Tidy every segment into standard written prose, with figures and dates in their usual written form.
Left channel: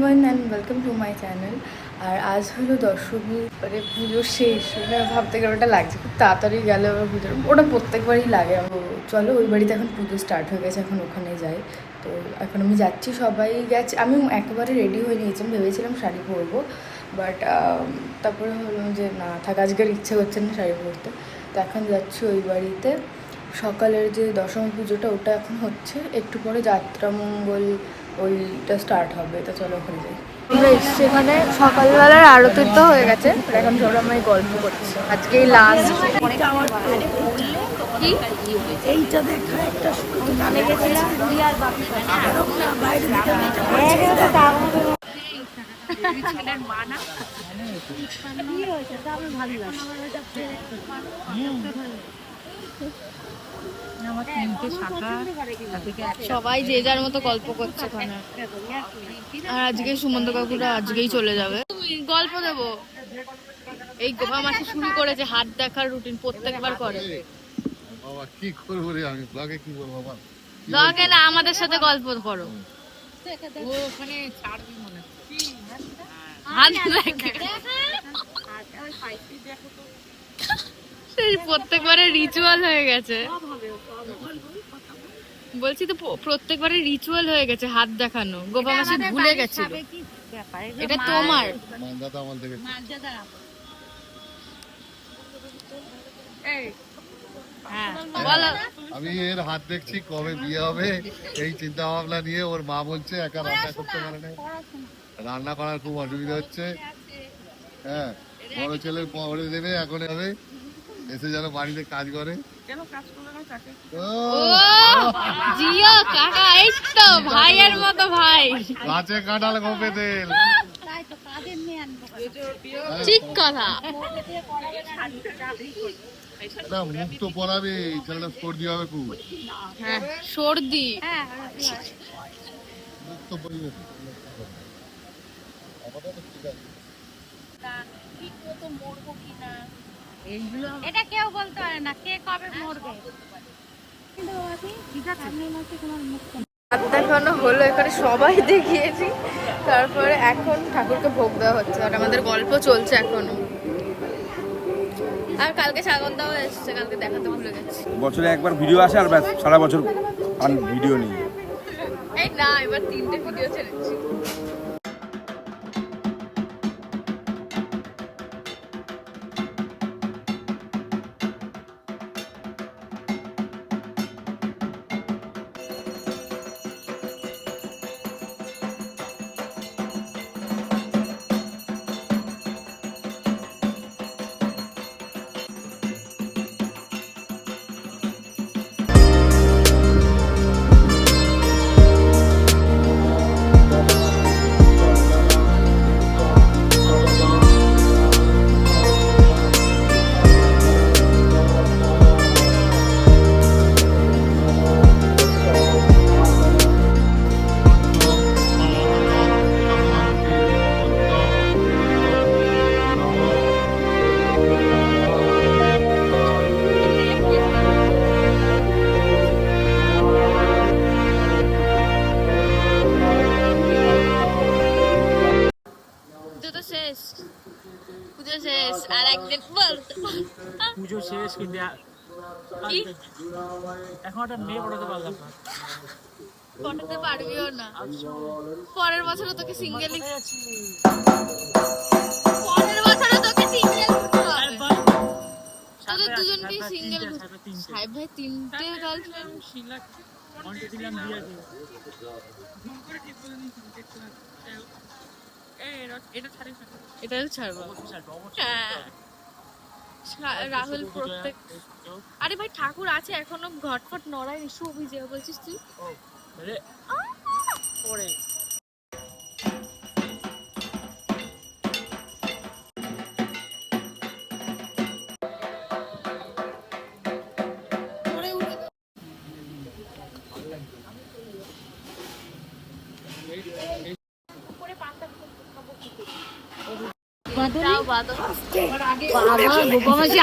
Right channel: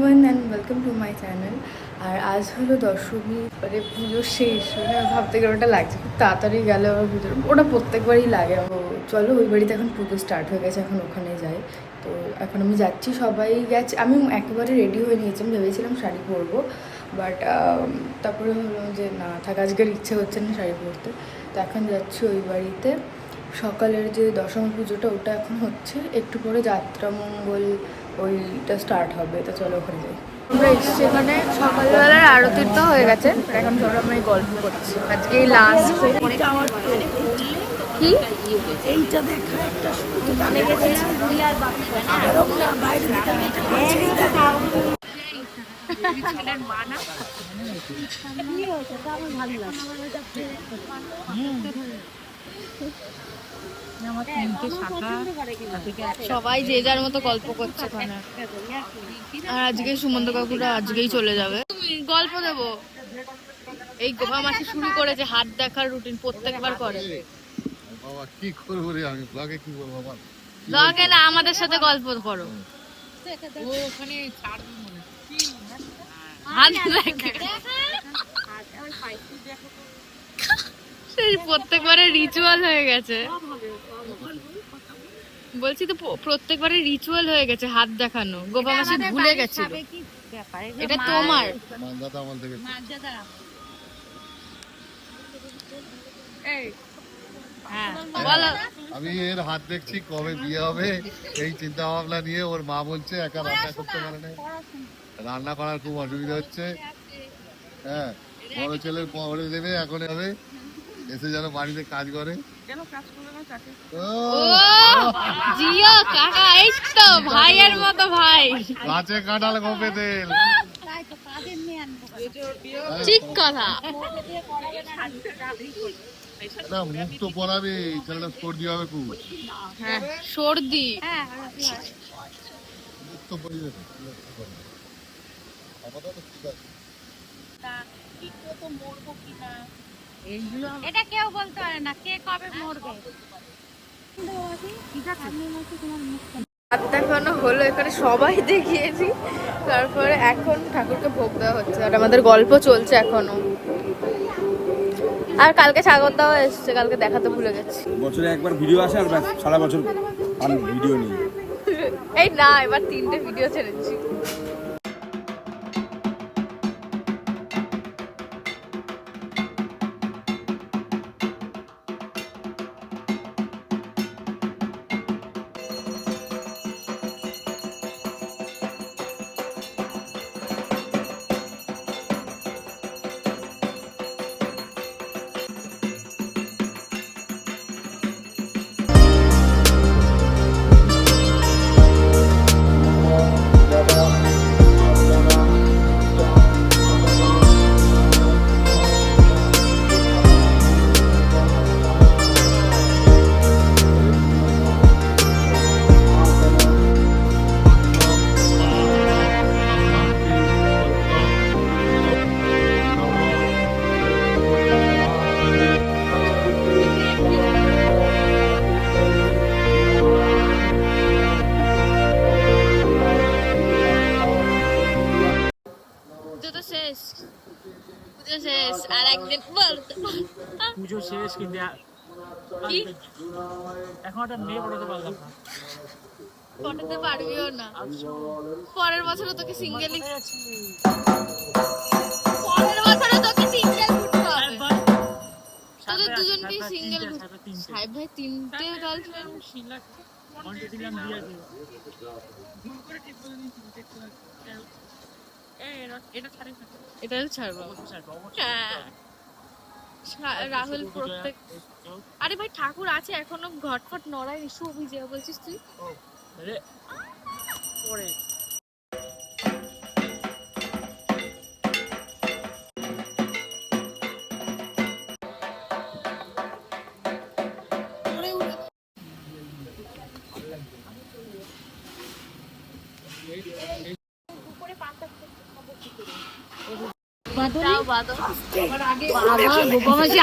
Everyone and welcome to my channel. আর আজ হলো দশমী, মানে পুজো শেষ। ভাবতে গেলে ওটা লাগছে খুব তাড়াতাড়ি গেলে আমার পুজোর, ওটা প্রত্যেকবারই লাগে। চলো ওই বাড়িতে এখন পুজো স্টার্ট হয়ে গেছে, এখন ওখানে যাই। তো এখন আমি যাচ্ছি, সবাই গেছে, আমি একেবারে রেডি হয়ে নিয়েছি। আমি ভেবেছিলাম শাড়ি পরবো, বাট তারপরে হলো যে না থাক, আজকের ইচ্ছে হচ্ছে না শাড়ি পরতে। তো এখন যাচ্ছি ওই বাড়িতে। সকালের যে দশমী পুজোটা ওটা এখন হচ্ছে, একটু পরে যাত্রামঙ্গল ওইটা স্টার্ট হবে। তো চলো ওখানে যাই। আমরা এসছি এখানে, সকালবেলার আরতি তো হয়ে গেছে, এখন সব আমরা গল্প করছি। আজকে এই লাস্ট কি এইটা দেখা একটা জানে গেছিলাম ছেলের মা না ভালো সবাই যে যার মতো গল্প করছে ওখানে। আর আজকে সুমন্ত কাকুরা আজকেই চলে যাবে। তুমি গল্প দেবো, এই গোপা মাসি শুরু করেছে হাত দেখার রুটিন, প্রত্যেকবার করে। বাবা কি করব রে, আমি ব্লগে কি বলবো বাবা, ব্লগে না, আমাদের সাথে গল্প করো। ও ওখানে ছাড়বি মনে হাত দেখে প্রত্যেকবারে রিচুয়াল হয়ে গেছে, বলছি তো প্রত্যেকবারে রিচুয়াল হয়ে গেছে হাত দেখানো। গোপা মাসি ভুলে গেছে, এটা তোমার মানদাতা আমল থেকে। আমি এর হাত দেখছি কবে বিয়ে হবে এই চিন্তা ভাবনা নিয়ে। ওর মা বলছে একা রান্না করতে পারে না, রান্না করার খুব অসুবিধা হচ্ছে। হ্যাঁ, বড় ছেলের পরে দেবে, এখন হবে এসে যেন বাড়িতে কাজ করে। জিও কাকা, এই তো ভাইয়ের মতো ভাই, গাছে কাঁঠাল গোপে তেল। ঠিক কথা। মুখ তো পড়াবে, ছেলেটা সর্দি হবে খুব। হ্যাঁ সর্দি, মুখ তো পড়িবে। এটা কেউ বলতে পারে না কে কবে মরবে। হাত দেখানো হলো, এখানে সবাই দেখিয়েছি। তারপরে এখন ঠাকুরকে ভোগ দেওয়া হচ্ছে, আর আমাদের গল্প চলছে এখনো। আর কালকে সাগর দেওয়া এসছে, কালকে দেখাতে ভুলে গেছি। বছরে একবার ভিডিও আসে আর ব্যাস, সারা বছর আর ভিডিও নেই। এই না, এবার 3টে ভিডিও ছেড়েছি। আর একদিন পুজো শেষ, কিন্তু এখন একটা মেয়ে পড়াতে পারলাম না। পটাতে পারবিও না, পরের বছরে তোকে সিঙ্গেল, পরের বছরে তোকে সিঙ্গেল উঠতে হবে। তোদের দুজনকে সিঙ্গেল। সাহেব ভাই 3টে গার্লফ্রেন্ড। এটা ছাড়বো। হ্যাঁ রাহুল প্রত্যেক, আরে ভাই ঠাকুর আছে এখনো, ঘটফট নড়ায় ইস্যু অভিজয় বলছিস তুই।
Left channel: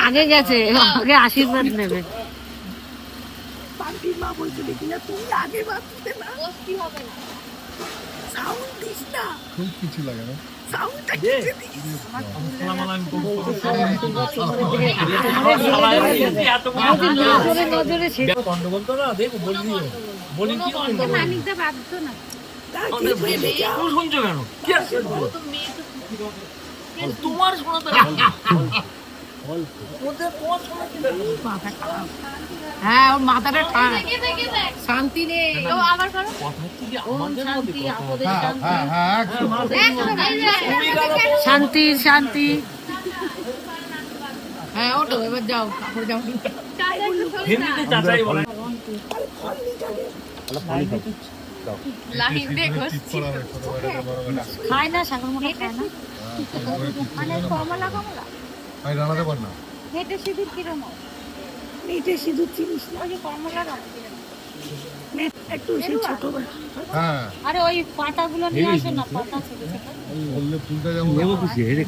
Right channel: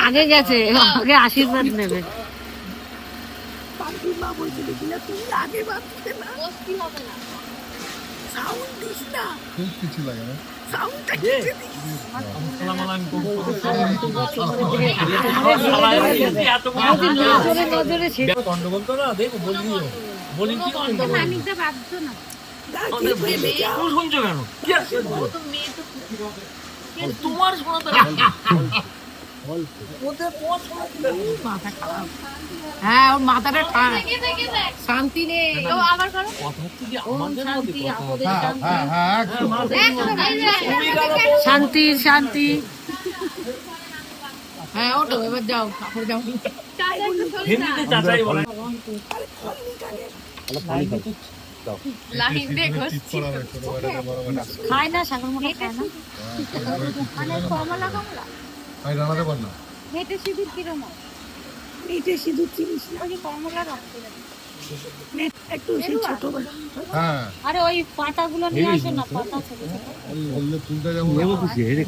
আগে গেছে, আগে আশীর্বাদ নেবে। কিছু লাগে না মানিকটা বাধ্য না শুনছো কেন তোমার শোনাতে হ্যাঁ ওর মাথাটা শান্তি নেই আবার করো কথা হচ্ছে যে আমাদের মধ্যে শান্তি শান্তি হ্যাঁ ওটো এবার যাও কাপড় যাও হিন্দিতে চাচাই বলে লাহিন দেখো খায় না সাগর মোটা খায় না মানে কমলা কমলা আমি রান্নাতে পার না হেঁটে সিঁদুর কিরম এইটা সিঁদুর চিনিস না ওই যে কমলা রং একটু সেই ছোটবেলা হ্যাঁ আরে ওই পাতাগুলো নিয়ে আসো না পাতা ছোট ছোট বললে ফুলটা যেমন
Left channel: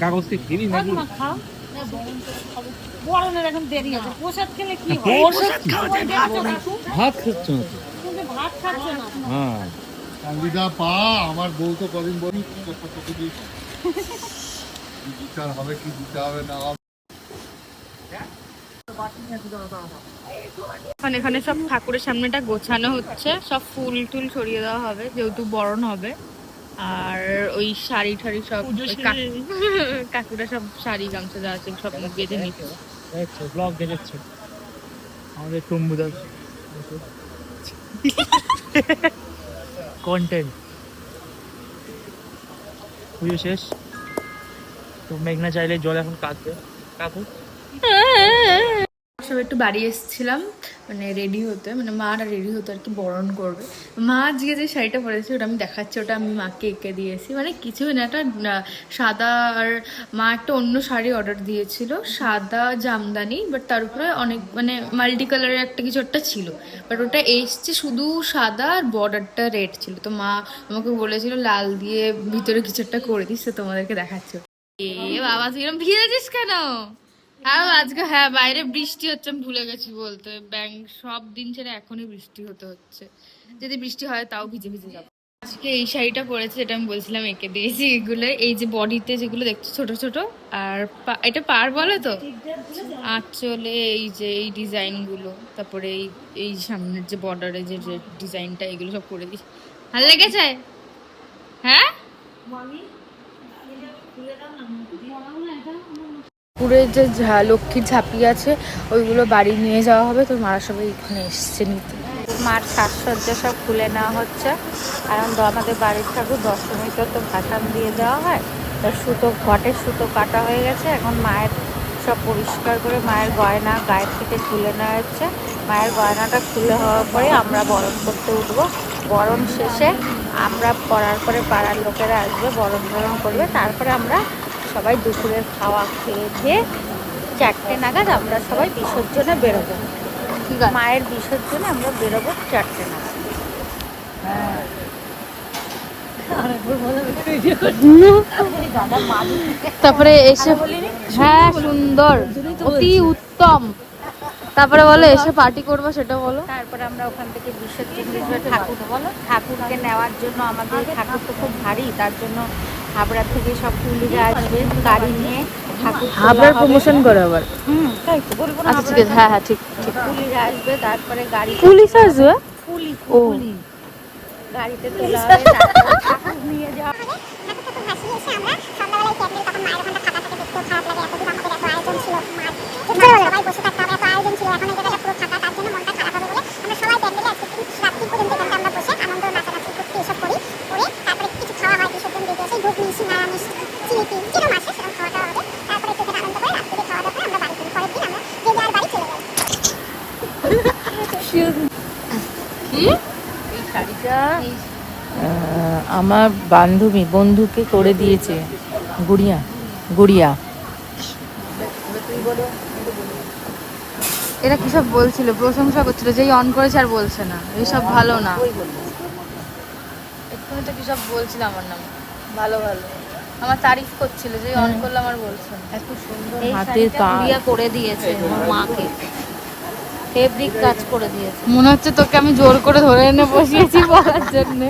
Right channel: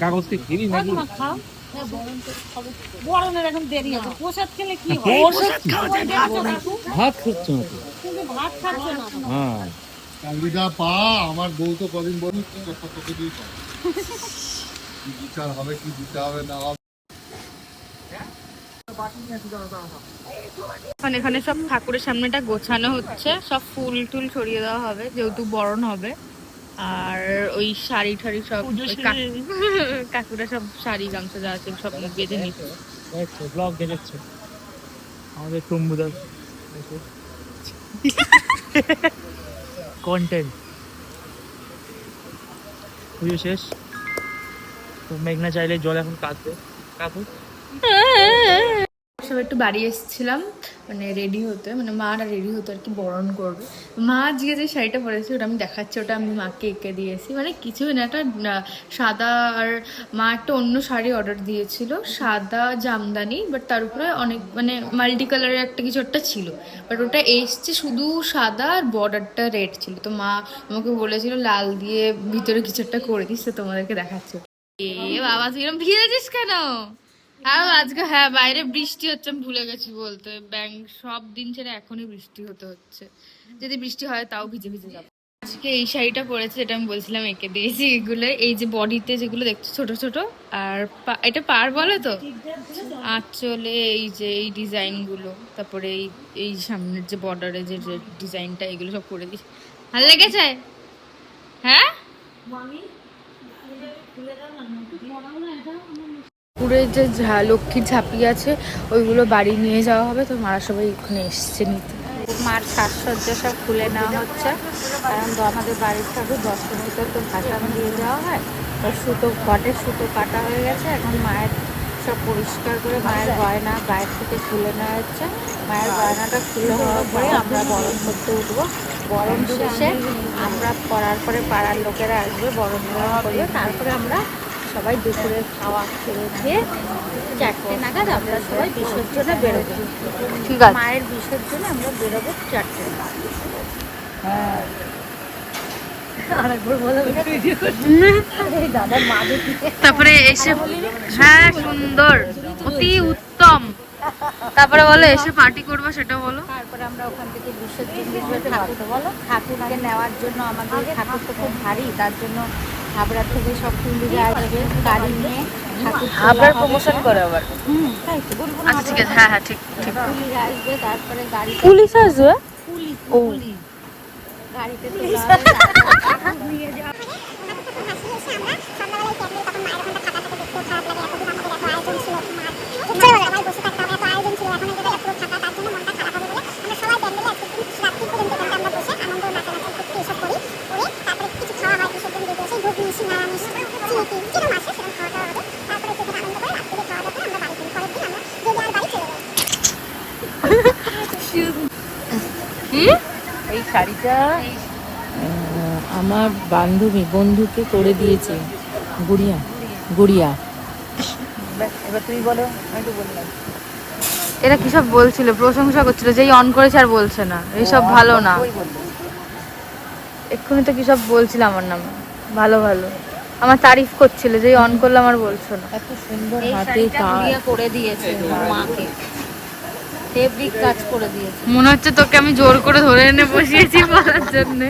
কাগজকে কিনি ওই মা খাও বরণের এখন দেরি আছে প্রসাদ খেলে কি হয় প্রসাদ ভাত খাচ্ছ না তুমি ভাত খাচ্ছ না হ্যাঁ চাকরিটা পা আমার বউ তো কদিন বলি একটা তোকে দিয়ে পাবো। কি বিচার হবে কি বিচার হবে না হবে এখানে সব ঠাকুরের সামনেটা গোছানো হচ্ছে, সব ফুল টুল ছড়িয়ে দেওয়া হবে যেহেতু বরণ হবে। আর ওই শাড়ি ঠাড়ি সব ওই কাকুরা সব শাড়ি গামছা যা আছে সব বেঁধে নিচ্ছে। দেখছো ব্লগ দেখছো আমাদের টুম্বুদা কন্টেন্ট পুজো শেষ তো মেঘনা চাইলে জল এখন কাঁদবে কাকু সব একটু বাড়ি এসেছিলাম মানে রেডি হতে, মানে মারা রেডি হতে আর কি, বরণ করবে। মা আজকে যে শাড়িটা পরেছে ওটা আমি দেখাচ্ছি, ওটা আমি মাকে এঁকে দিয়েছি, মানে কিছুই না, একটা সাদা, আর মা একটা অন্য শাড়ি অর্ডার দিয়েছিল সাদা জামদানি, বাট তার উপরে অনেক মানে মাল্টি কালারের একটা কিছু একটা ছিল, বাট ওটা এসছে শুধু সাদা আর বর্ডারটা রেড ছিল। তো মা আমাকে বলেছিল লাল দিয়ে ভিতরে কিছু একটা করে দিস, তো তোমাদেরকে দেখাচ্ছ। এ বাবা তুই এরকম ভিজেছিস কেন? আর আজকে হ্যাঁ বাইরে বৃষ্টি হচ্ছে, আমি ভুলে গেছি বলতে, সব দিন ছেড়ে এখনই বৃষ্টি হচ্ছে, যদি বৃষ্টি হয় তাও ভিজে ভিজে যাবো। আজকে এই শাড়িটা পরেছে, এটা আমি বলছিলাম এঁকে দিয়েছি। এগুলো এই যে বডিতে যেগুলো দেখছো ছোট ছোট, আর এটা পার বলে তো, আঁচলে এই যে এই ডিজাইন গুলো, তারপরে এই সামনের যে বর্ডারে যে ডিজাইনটা, এগুলো সব করে দিয়েছি। ভালো লেগেছে? হ্যাঁ পুকুরে যে লক্ষ্মীর ঝাঁপি আছে ওইগুলো বাড়ি নিয়ে যাওয়া হবে, তো মারা সবাই ওখানে এসছে নিতে। মার সাজসজ্জা সব খুলে নেওয়া হচ্ছে, কারণ আমাদের বাড়ির ঠাকুর দশমীতে তো ভাসান দিয়ে দেওয়া হয়, তাই ঘটের সুতো কাটা হয়ে গেছে। এখন মায়ের সব পরিষ্কার করে মায়ের গয়না গায়ের থেকে খুলে নেওয়া হচ্ছে। মায়ের গয়নাটা খুলে হওয়ার পরে আমরা বরণ করতে উঠবো। বরণ শেষে আমরা করার পরে পাড়ার লোকেরা আসবে, বরণ করবে, তারপরে আমরা সবাই দুপুরের খাওয়া খেয়ে 4টে নাগাদ আমরা সবাই বিসর্জনে বেরোবো। ঠিক আছে, মায়ের বিসর্জনে আমরা বেরোবো 4টে নাগাদ। তারপরে এসে হ্যাঁ সুন্দর, অতি উত্তম। তারপরে বলো এসে পার্টি করবো, সেটা বলো। তারপরে আমরা ওখান থেকে বিসর্জন দিতে ঠাকুরকে নেওয়ার জন্য, আমাদের ঠাকুর তো খুব ভারী, তার জন্য হাবড়া থেকে সব পুলিশরা আসবে গাড়ি নিয়ে, ঠাকুর তোলা হবে। তাই তো বলবো না, হ্যাঁ হ্যাঁ ঠিক ঠিক, পুলিশরা আসবে, তারপরে গাড়ি পুলিশ আসবে, পুলিশ ও গাড়িতে তোলা হবে, তারপরে ঠাকুর নিয়ে যাওয়া হবে। আমার বন্ধুকে করে দিয়েছে গুড়িয়া। এরা কি সব বলছিল, প্রশংসা করছিল, যেই অন করেছে আর বলছে না, এইসব ভালো না। এক্ষুনি তো কি সব বলছিল আমার নাম, ভালো ভালো আমার তারিফ করছিল, যেই অন করলাম আর বলছো না। হাতে কাজ করে দিয়েছে আমার মাকে, ফেব্রিক কাজ করে দিয়েছে। মনে হচ্ছে তোকে আমি জোর করে ধরে এনে বসিয়েছি বলার জন্য।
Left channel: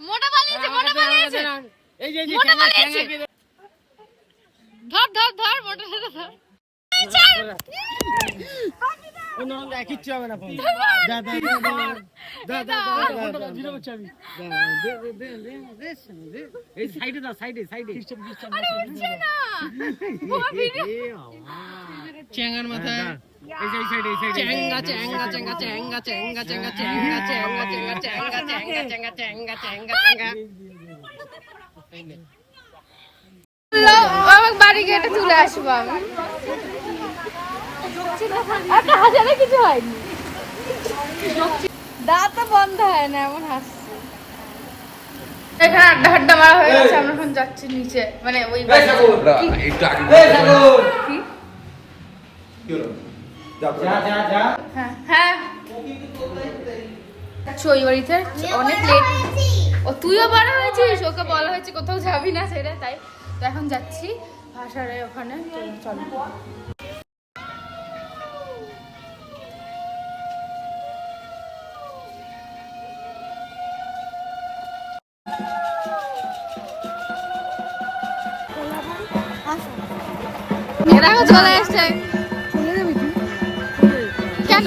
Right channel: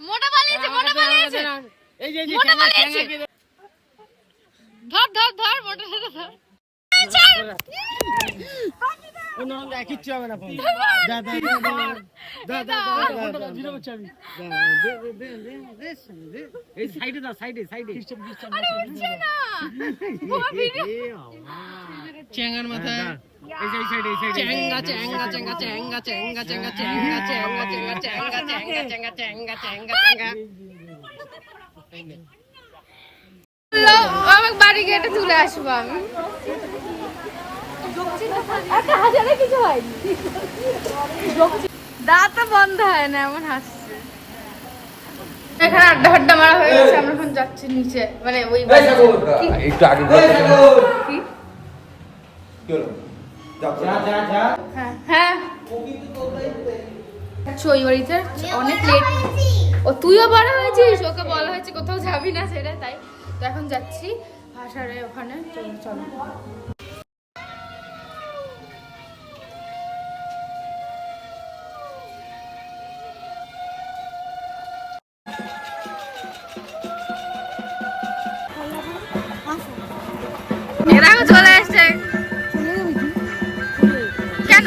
মোটা পালিয়েছে মোটা পালিয়েছে এই যে মোটা পালিয়েছে ধর ধর ধর মোটা ধর কিচ্ছু হবে না এই সাইডে দাও সাইডে সাইডে চেঙ্গার মাথায় এই যে সাইডে এই সাইডে চেঙ্গা চেঙ্গা চেঙ্গা চেঙ্গা চেঙ্গা চেঙ্গা চেঙ্গা চেঙ্গা চেঙ্গা চেঙ্গা চেঙ্গা চেঙ্গা চেঙ্গা চেঙ্গা আমাকে বাড়ি গিয়ে এটা তুলে আসবো আমি একটা হাজারে কিছু হয়নি দাঁত বন্ধ হয় না এমন হাসছে এখানে আড্ডা ফাড্ডা মারা হয়ে গেছে, আমরা এখন যাচ্ছি নিচে, মানে ওই বাড়িতে। কি? কি? হ্যাঁ হ্যাঁ আচ্ছা, ওই বাড়িতে অনেক লেট। ও তুইও বড় হয়েছিস, ওকে বলা হয়েছে কোথাও যাবি না সেটা, তাই তো এখন যাচ্ছি ভাষারে ওখানে, তো চলো। এরাও চলে এসছে। কেন?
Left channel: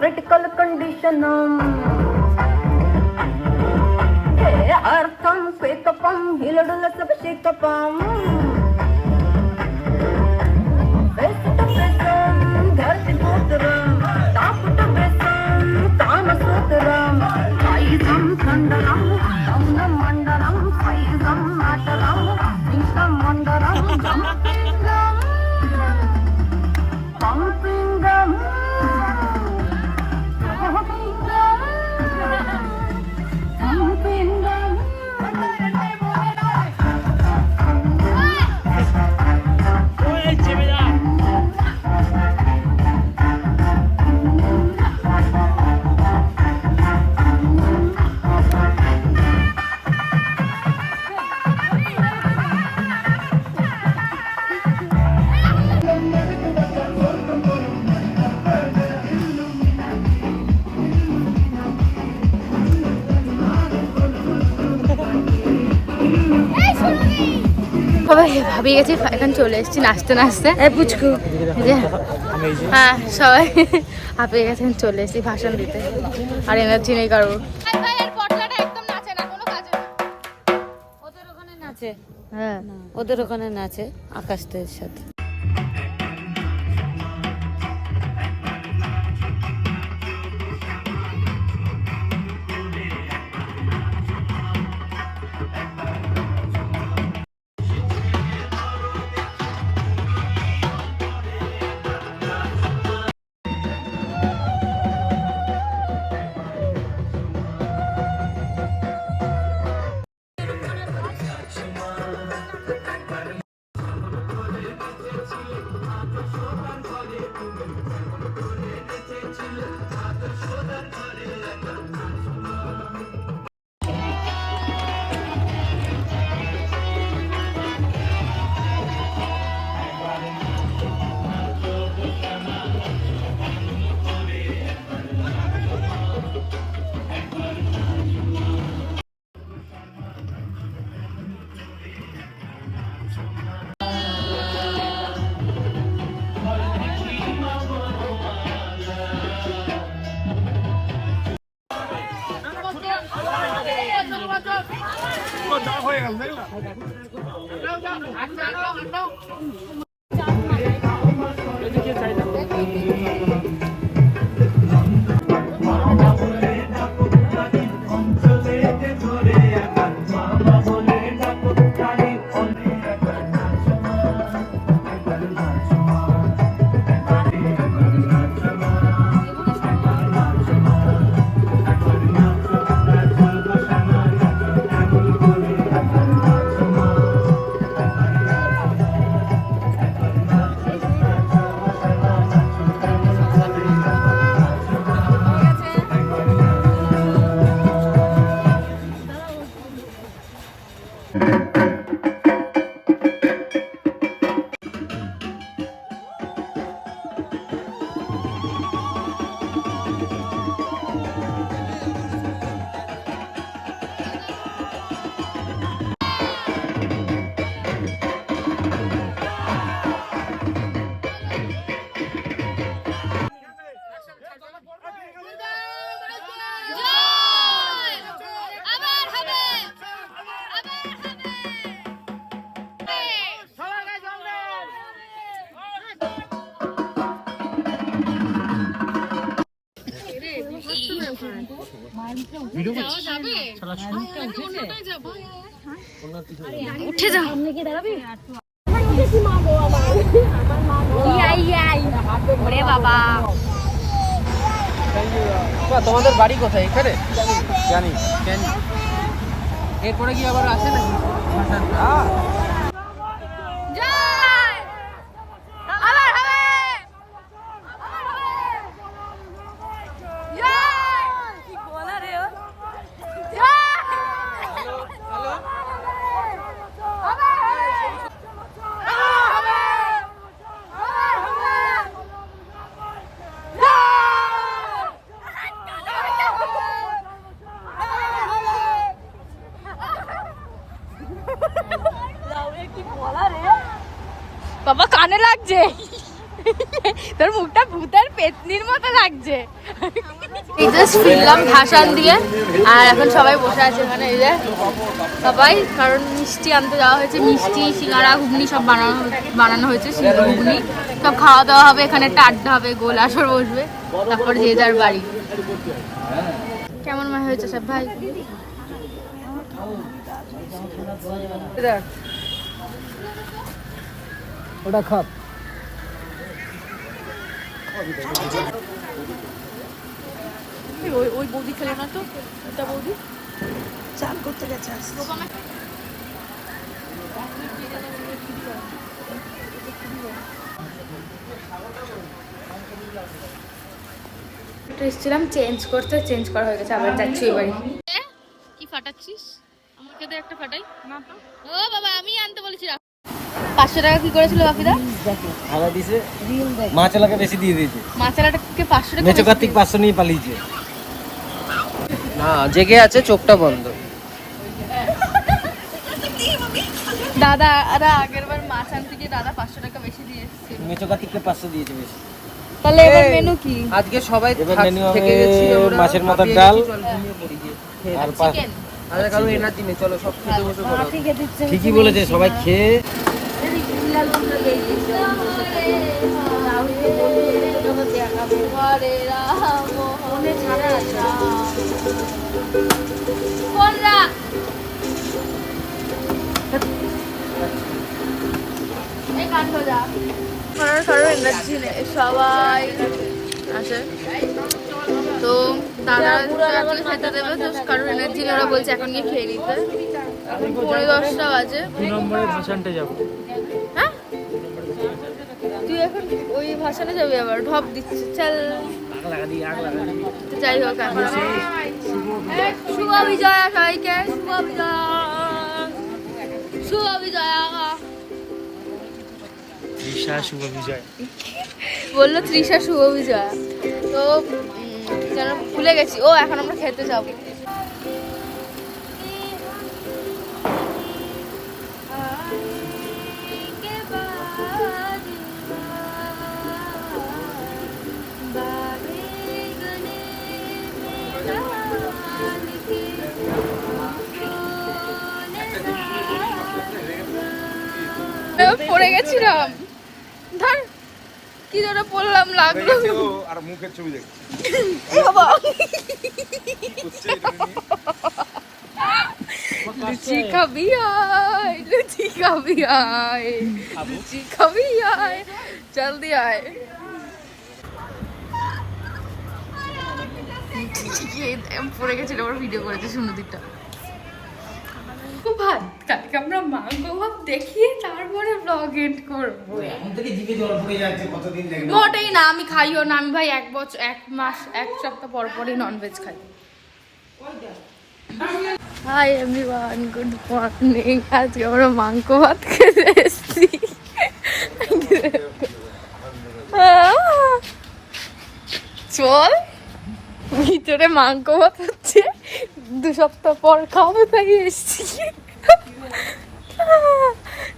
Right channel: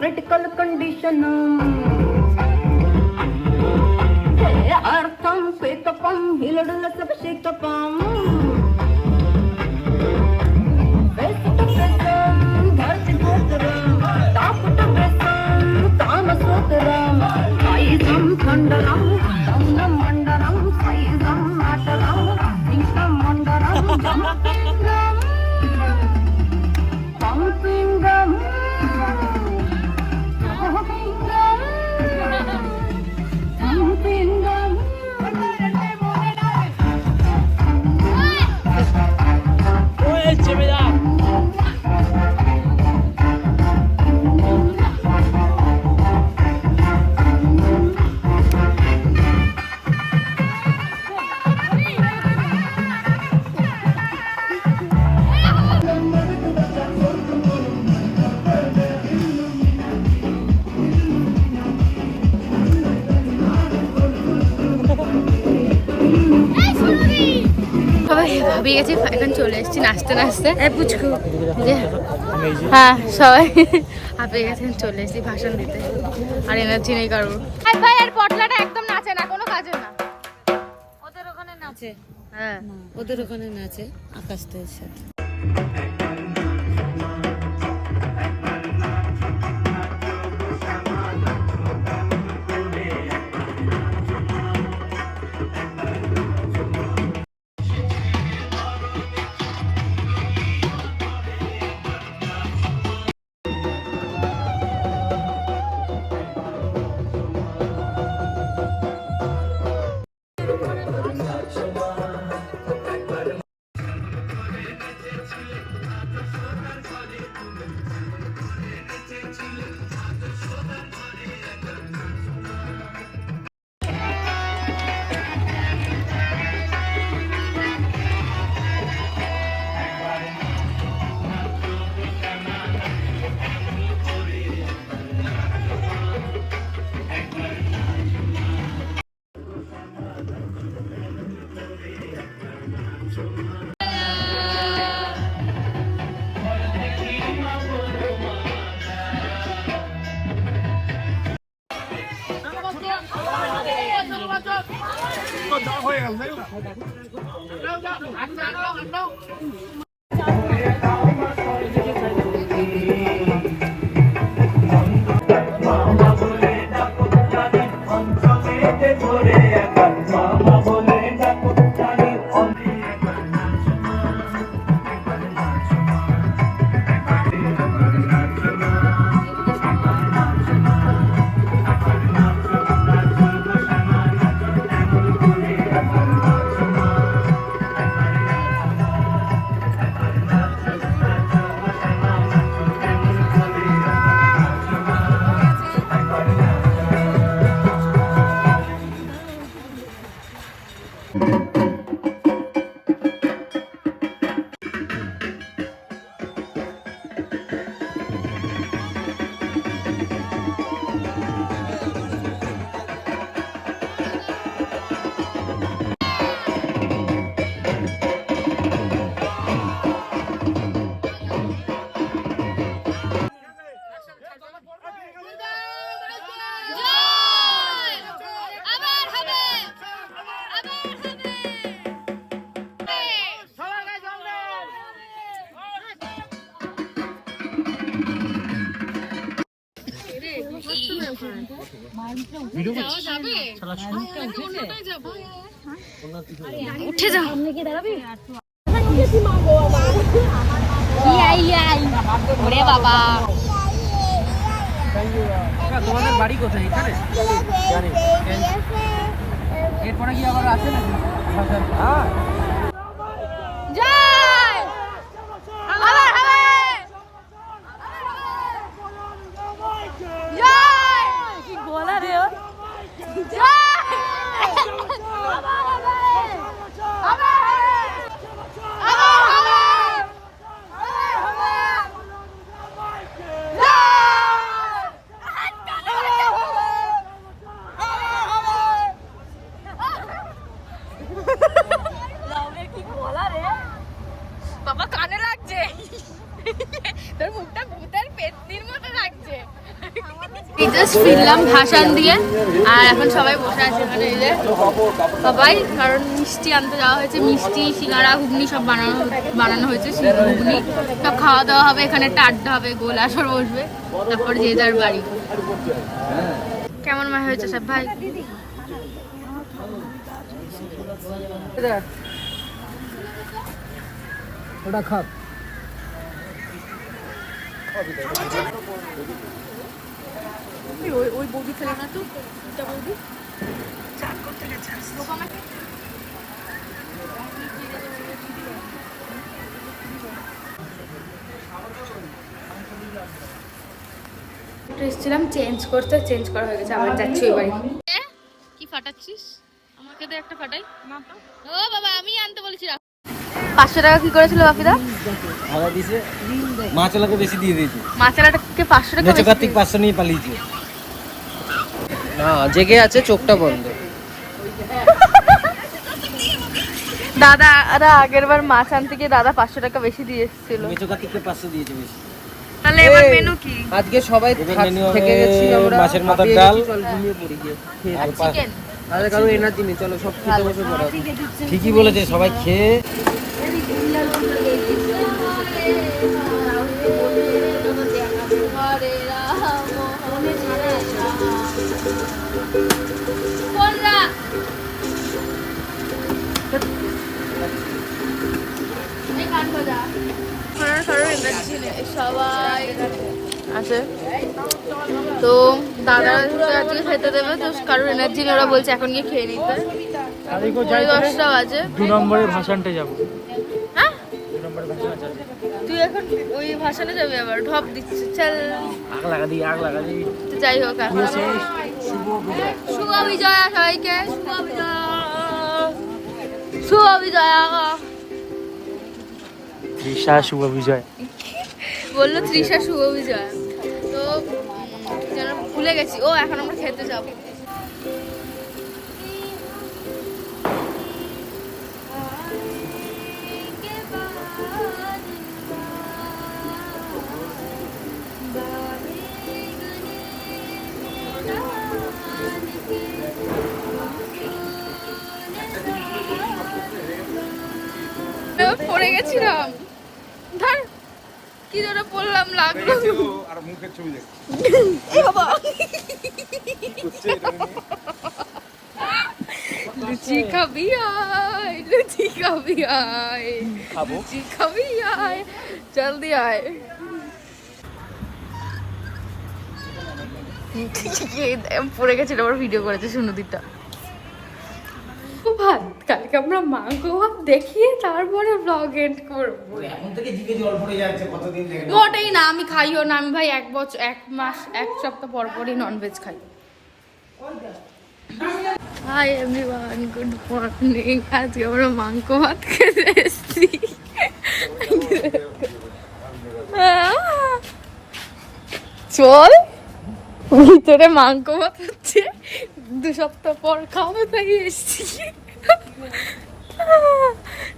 critical condition अर्थम श्वेतपम हिलडुल सबशिकपम धर्षिकोतरम तापुटव्रतम कामसूत्रम आयुधम खंडनम दमनम मंडलम आयुधम नाटलम सिंहम मंडलम दमपिंगम पंपिंगम বাবা ভাবিয়ে গেছি, এখন চলে এসেছি নাচতে নাচতে। এই পুচকু, হ্যাঁ সবাই হাঁপিয়ে গেছে, চলে এসেছি ভাষণ দিতে, আর এনার্জি নেই কারোর। পটলাটা একদম নাচে না, কোনো কাজে না। ওদের ওখানে নাচে, হ্যাঁ ওদের ওখানে নাচে আকাশদের সাথে। উঠে যাও। ওরে বাবা, তোমাদের বাড়ি কোথায়? এখানে জানি। এরপরে কি আবার আছে নাকি? বাবা কানে লাগছে, তোর মুখটা ভূতের পেতনির মতো লাগছে। এই জাস্ট ফিরলাম ভাষণ দিয়ে, আর এখন সবাই বসে আছে এখানে, এই যে সবাই, কারণ মিষ্টি আনতে যাওয়া হয়েছে, মিষ্টি সিঙ্গারা ঘুগনি সব বানানো হয়েছে, সিঙ্গারা ঘুগনি সব খাওয়া দাওয়া হবে, এখানে একটা আড্ডা হবে, গোল আসর বসবে, তারপর যে যার বাড়ি। কেমন মা হয়েছে সব ভাই? ওটা খাপ ওই বৌদি খেলো না তো, ওটা বৌদি চান করতে গেছে। এসেছিলাম চেঞ্জ করতে, চেঞ্জ করা হয়ে গেছে, আবার যাচ্ছি ওই বাড়ি। কি ফাটাচ্ছিস? আমাকে তো একটা ফাটাই না তো। ও বাবা, আমি আনতে বলেছি। 500 টাকা কি করেছিল বাপিদা? ভাড়া দিছে, মাছলাকে বেশি দিয়ে দিয়েছে। মাছলাটাকে 500 টাকা মেচো কার্তিক 500 নিয়ে পালিয়েছে। না জেগে আছে, চোখটা বন্ধ। দাদা আগের বার মাছ আনতে গিয়ে দাদা 500 টাকা বেশি দিয়ে এসেছিল। মেচো কার্তিককে 500 দিয়েছে বেশি। তাহলে এবার মেনু কি? আজকে সবাই এবার মেনু হবে থেকে গেছি আমরা, মাছের মাথার হাঁপিয়ে ডাল গেছি, চল ঘুমিয়ে পড়ি গিয়ে। আর পাঁচ চিকেন। আমাদের কারো এনার্জি নেই, চলো সব খেতে বসে পড়ো। ঠিকই বলেছে, সবাই খেয়ে আছে তো দাদার আজকে খেতে দেবে, তো কারোর এনার্জি ওরা বলছে এখন গিয়ে খেয়ে নিতে। 10:30 বাজে। 2 নম্বরের ভাষণটা যাবো। হ্যাঁ তুই এখন ওই ভাষণে যাবি, আবার ঢপ দিচ্ছে চল। আগ লাগা দিই। তো যাই হোক, এখন শুভ বিজয়া সবাইকে, শুভ বিজয়া তৃষা শুভ বিজয়। বললো তৃষা শুভ বিজয়া। তো কি যেন ভুলে গেছি। ও এখন আমরা খেতে যাবো। পড়ে গেছিলাম, ধর কি ধরে পড়লাম, লাগলো। আর মুখের ছবি দেখ। লুচি খাবি আয়, লুচি খাবি আয়, লুচি খাবি আয়, জলদি আয়। পড়ে গেছিল, আবার ভিডিও করেছে সুনদীপটা। ভাত কালকে আমরা মাংস ভাত দেখিয়ে তারপরে ব্লগ এন্ড করবো। এখন থেকে জিভে জল পড়ে যাচ্ছে, কতদিন লাগে না। মোটেই না, আমি খাইও না। আমি ভাই 1 সপ্তাহ পর পরই ননভেজ খাই। Hi everyone, good morning. আজকে আমরা মাংস ভাত খেতে এসেছি। চল ভিতরে মাংস ভাত হচ্ছে, 2 সপ্তাহ পর খাবো তাই এসেছি।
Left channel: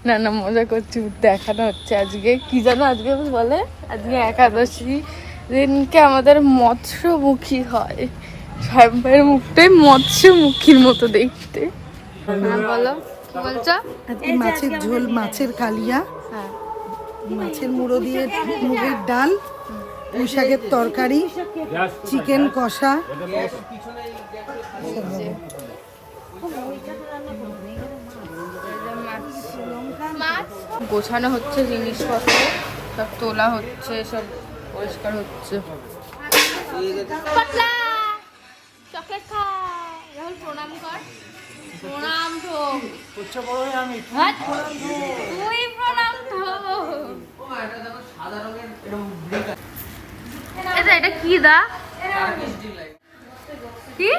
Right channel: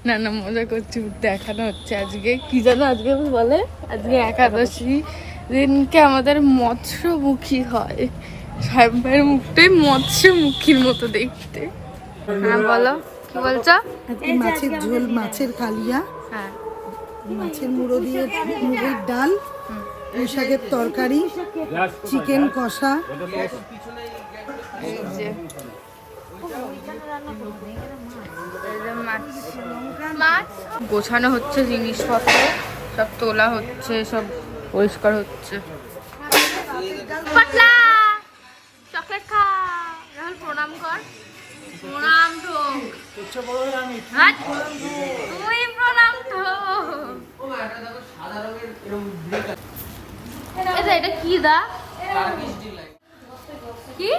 না না মজা করছি, দেখানো হচ্ছে। আজকে কি জানো, আজকে বলে আজকে একাদশী দিনকে আমাদের মৎস্যমুখী হয়। সাহেব ভাইয়ের মুখটাই মৎস্যমুখীর মতো দেখতে। হ্যাঁ বলো, কি বলছো? আজকে মাছের ঝোল, মাছের কালিয়া, হ্যাঁ মাছের মুড়ো দিয়ে মুগের ডাল, পুঁই শাকের তরকারি, চিকেন কষা। মাছ গোছানো হচ্ছে, জিনিসপত্র সব তোলা হচ্ছে, সব পরিষ্কার হচ্ছে। পাতলা চকলেট খা, রাহুল প্রণাম কর। প্রণাম তো তুই প্রণাম তো। এটা কি দা, কি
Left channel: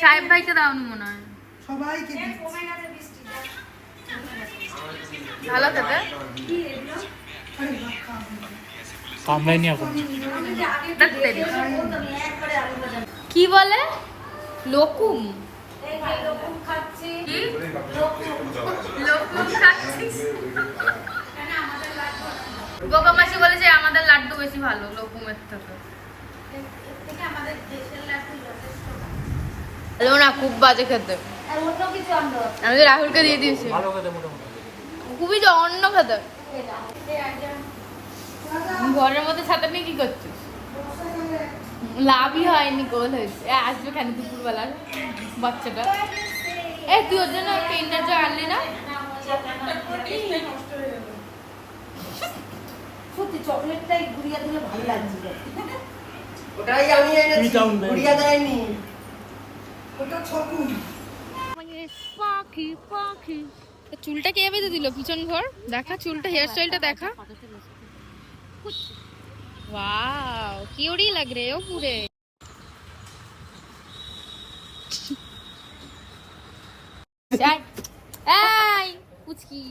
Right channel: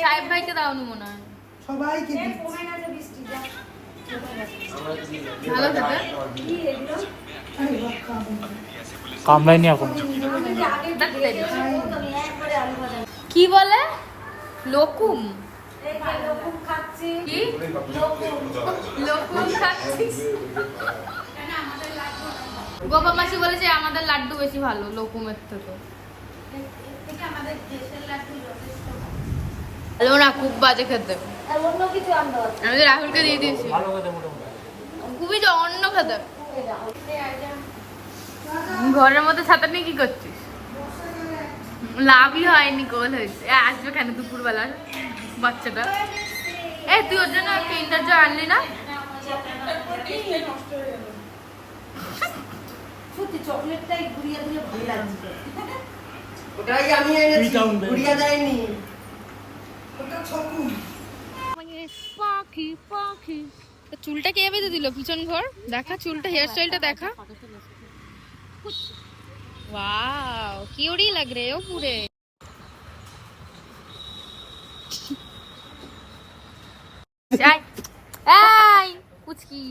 সাহেব ভাইকে দাওনি মনে হয়। সবাইকে ভালো খেতে। কামড়াইনি এখন। কি বলে লোকুম, কি লোকুম খাচ্ছি। গোপা মাসি বলে যে আমাদের লাড্ডু বেশি ভালো লোকুমের থেকে। ভালো না, খুব বাজে খেতে। আমি তো রাহুলকে দিয়ে দিয়েছি, খুবই জঘন্য খেতে। ঘরের মধ্যে ছাতা নিয়ে কি করছিস? লাভই হয়নি, গোল হয়েছে। আসবে কেন দুপুরবেলা বাচ্চাটা? তুই ওর জন্য কিন্ডার জয় আনলি না? সত্যি চকলেটটাই গুড়িয়া দিলে ভালো লাগছে। ওটাই আমি এনেছি, গুড়িয়া দেয়নি। ওটা ছকু। পাখি পাখি চুলটা কে বেঁধে দিল পিছন ঘর? দেখা চুলটা, হেয়ার স্টাইলটা দেখা। वाओ क्यूटी लग रहे हो पूरे। चाय आई कुछ की